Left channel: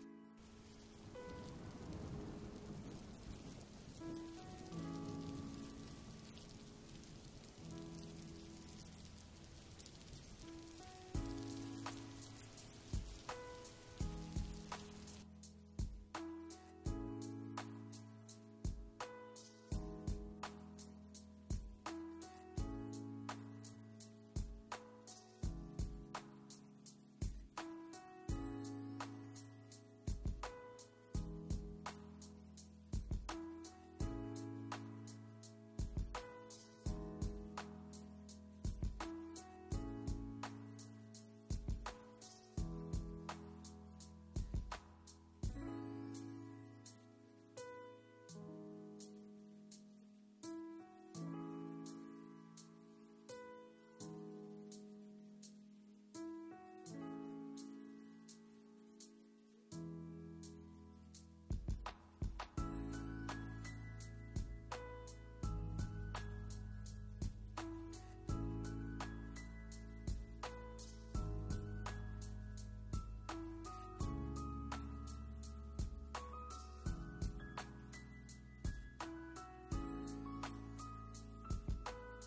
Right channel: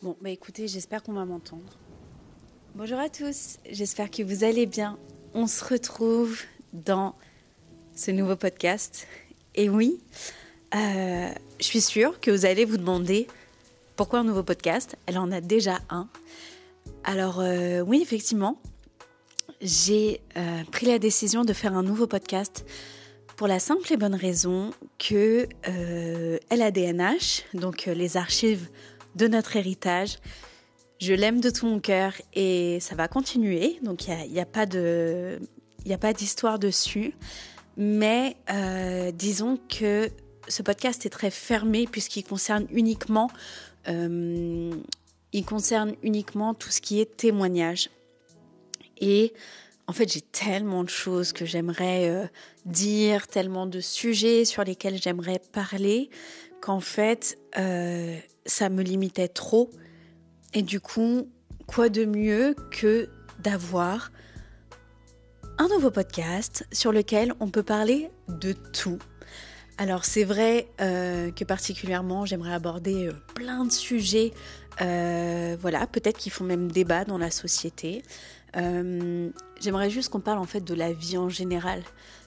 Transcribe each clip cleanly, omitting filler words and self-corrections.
Bon, bah écoutez, j'espère qu'on va m'entendre. Bonjour à tous, j'espère que vous allez bien. On se retrouve dans ce nouveau podcast. Et oui, je suis sûre que vous allez vous demander pourquoi un nouveau podcast. Elle en a déjà un. Alors oui, effectivement, j'ai pris la décision de faire un nouveau podcast pour la simple et bonne raison que LADNH, donc les archives de notre héritage, je l'aime de tout mon cœur et ça va continuer. Donc il n'y a pas d'histoire dessus. Mais disons que ce podcast est très fermé puisqu'il concerne uniquement, tout ce qui est témoignage. Et en fait, j'ai tellement de choses que j'aimerais dire, tellement de sujets sur lesquels j'aimerais parler, qu'en fait, ça me limitait trop. Et du coup, quoi de mieux que d'avoir un nouveau podcast sur lequel on peut parler de tout. Alors c'est vrai que particulièrement, j'aimerais aborder plein de sujets, peut-être qui font même débat dans la société. J'aimerais juste qu'on parle en fait de la vie en général,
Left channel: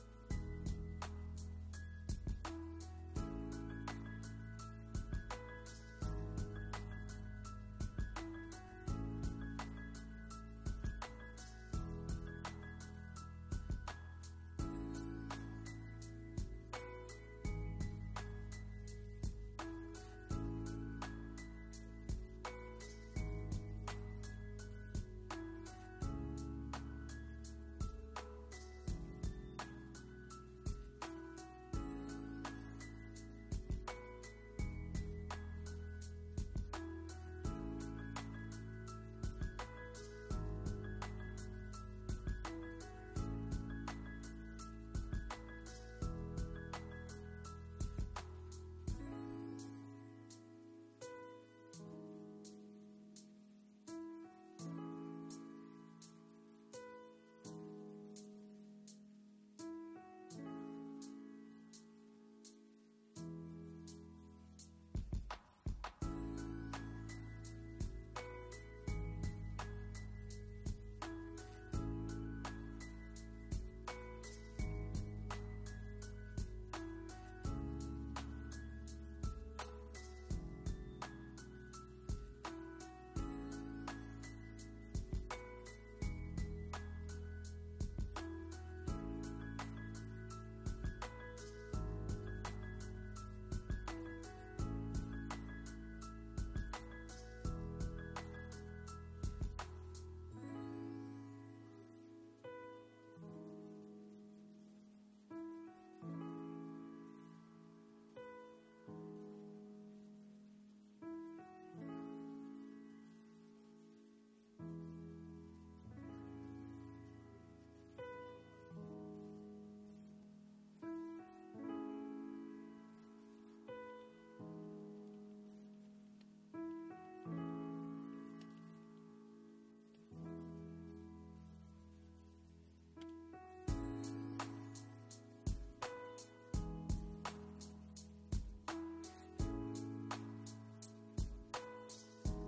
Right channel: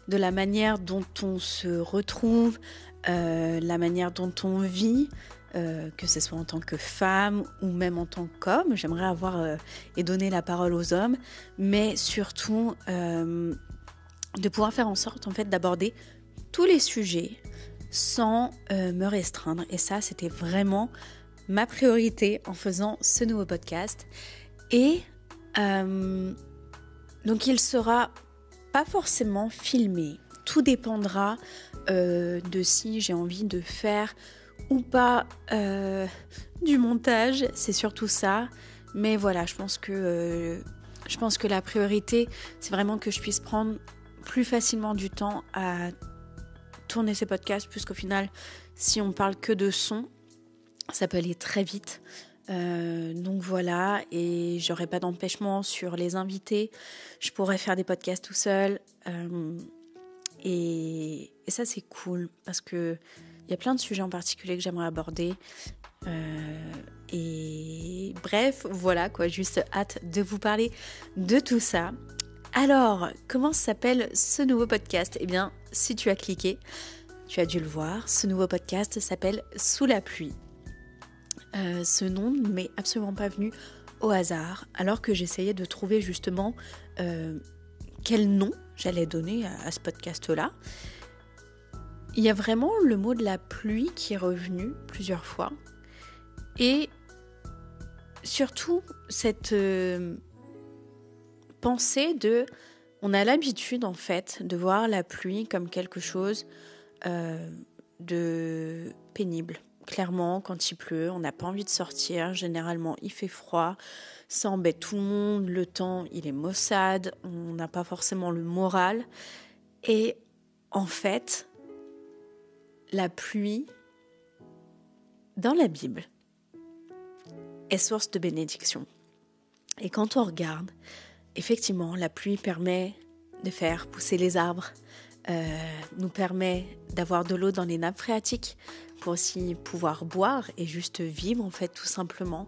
de la manière dont on se retrouve, la manière dont on vit, que ce soit en tant que femme ou même en tant qu'homme. J'aimerais avoir et donner la parole aux hommes, mais surtout de pouvoir faire en sorte en fait d'aborder tous les sujets sans me restreindre. Et ça, c'était vraiment ma priorité en faisant ce nouveau podcast. Et donc il sera pas forcément filmé. Tout dépendra de si j'ai envie de faire ou pas du montage. C'est surtout ça. Mais voilà, je pense que la priorité, c'est vraiment que je puisse prendre plus facilement du temps à tourner ces podcasts, puisqu'au final, si on parle que de son, ça peut aller très vite. Donc voilà, et j'aurai pas d'empêchement sur les invités. Je pourrais faire des podcasts tout seul. Et ça, c'est cool, parce que il y a plein de sujets en particulier que j'aimerais aborder. Et bref, voilà quoi, juste hâte de vous parler de tout ça. Alors, comment s'appelle ce nouveau podcast ? Eh bien, si tu as cliqué, tu as dû le voir. Ce nouveau podcast s'appelle Sous la pluie. Ce nom ne m'est absolument pas venu au hasard, alors que j'essayais de trouver justement quel nom j'allais donner à ce podcast-là. Il y a vraiment le mot de la pluie qui est revenu plusieurs fois. Et surtout, cette pensée de... On a l'habitude, en fait, de voir la pluie comme quelque chose de pénible. Clairement, quand il pleut, on n'a pas envie de sortir. Généralement, il fait froid. Ça embête tout le monde. Le temps, il est maussade. On n'a pas forcément le moral. Et en fait, la pluie, dans la Bible, est source de bénédiction. Et quand on regarde, effectivement, la pluie permet de faire pousser les arbres, nous permet d'avoir de l'eau dans les nappes phréatiques pour aussi pouvoir boire et juste vivre, en fait, tout simplement.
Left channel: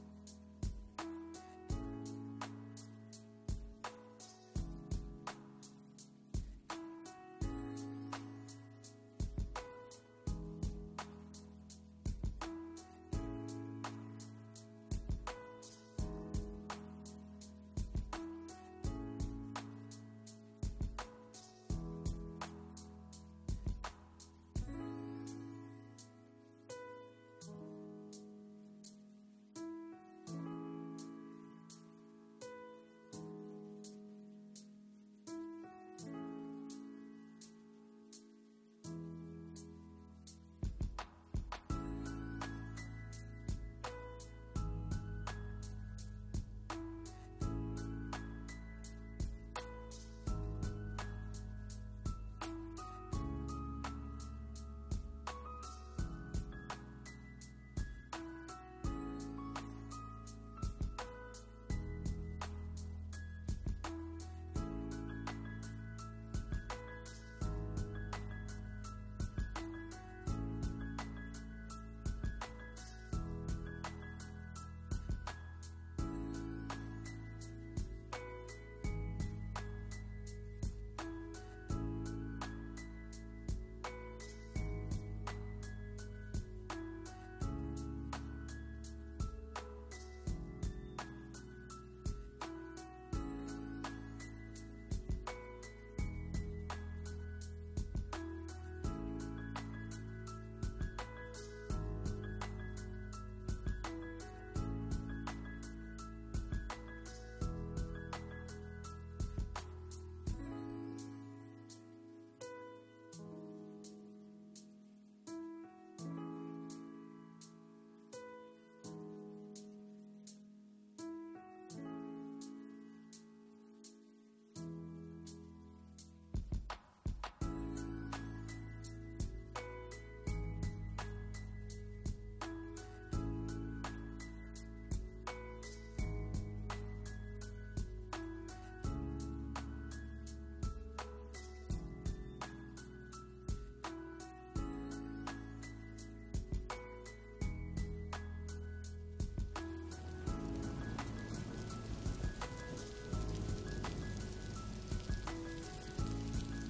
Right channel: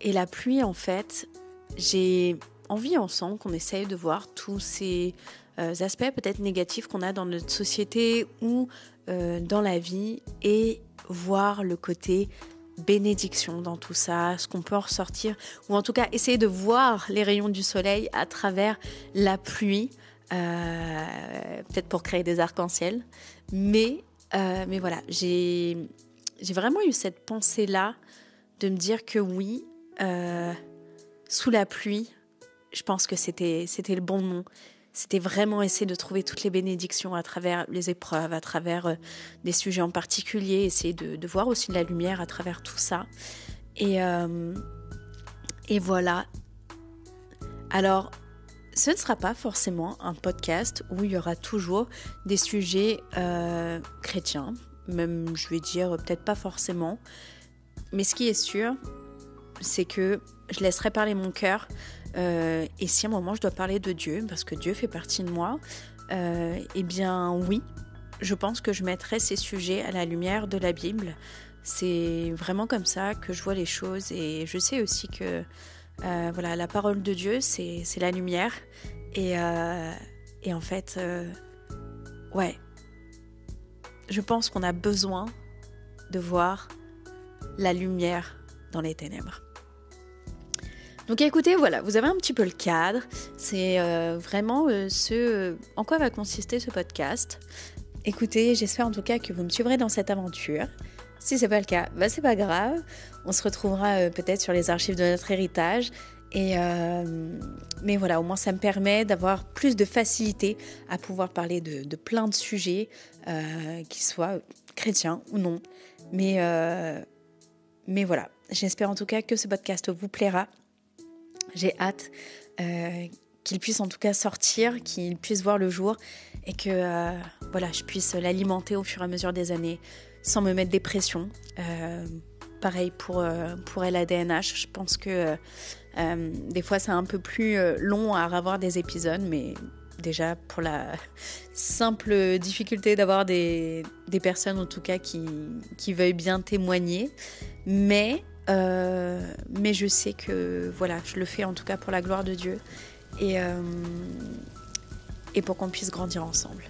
Et la pluie, en fait, j'ai envie ensemble qu'on essaye de voir tous ces aspects peut-être négatifs qu'on a dans notre société ou dans la vie et voir le côté bénédiction dans tout ça, ce qu'on peut en ressortir, ou en tout cas essayer de voir les rayons du soleil à travers la pluie, peut-être pour créer des arcs-en-ciel, mais voilà, j'ai vraiment eu cette pensée-là de me dire que oui, sous la pluie, je pense que c'était le bon nom. C'était vraiment essayer de trouver toutes les bénédictions à travers les épreuves, à travers des sujets en particulier, essayer de voir aussi de la lumière à travers tout ça. Et voilà. Alors, ce ne sera pas forcément un podcast où il y aura toujours des sujets chrétiens, même je vais dire peut-être pas forcément. Mais ce qui est sûr, c'est que je laisserai parler mon cœur. Et si à un moment je dois parler de Dieu, parce que Dieu fait partie de moi, eh bien oui, je pense que je mettrai ces sujets à la lumière de la Bible. C'est vraiment comme ça que je vois les choses et je sais aussi que voilà, la parole de Dieu, c'est la lumière et en fait, ouais, je pense qu'on a besoin de voir la lumière dans les ténèbres. Donc écoutez, voilà, vous avez un petit peu le cadre, c'est vraiment ce en quoi va consister ce podcast. Écoutez, j'espère en tout cas que vous me suivrez dans cette aventure. Si c'est pas le cas, bah c'est pas grave. On se retrouvera peut-être sur les archives de notre héritage. Mais voilà, au moins ça me permet d'avoir plus de facilité à pouvoir parler de plein de sujets, qu'ils soient chrétiens ou non. Mais voilà, j'espère en tout cas que ce podcast vous plaira. J'ai hâte qu'il puisse en tout cas sortir, qu'il puisse voir le jour et que voilà, je puisse l'alimenter au fur et à mesure des années sans me mettre des pressions. Pareil pour LADNH, je pense que des fois c'est un peu plus long à avoir des épisodes, mais déjà pour la simple difficulté d'avoir des personnes en tout cas qui veuillent bien témoigner, mais je sais que voilà, je le fais en tout cas pour la gloire de Dieu et pour qu'on puisse grandir ensemble.